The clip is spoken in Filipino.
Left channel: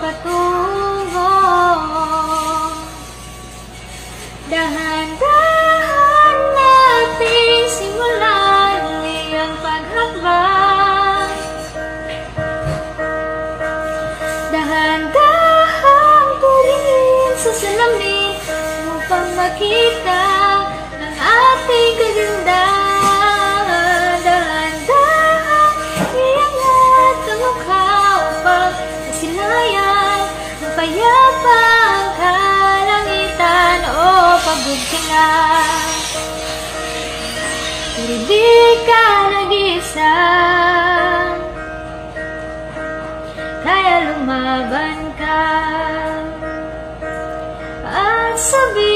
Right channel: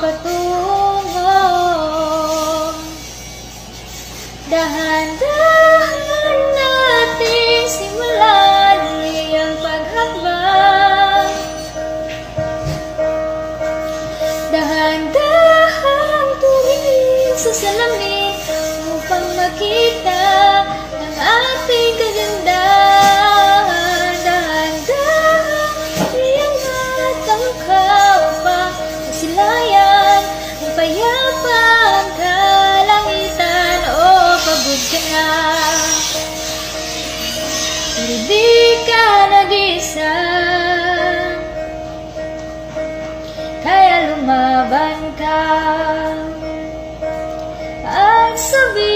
patungo. Dahan-dahan natin simulan iyang paghakbang. Dahan-dahan turingin sa salamin upang makita ang ating kagandahan. Dahan-dahan iangat ang mukha upang masilayan ang payapang kalangitan. O pagod ka na, pero di ka nag-isa, kaya lumaban ka at sabihin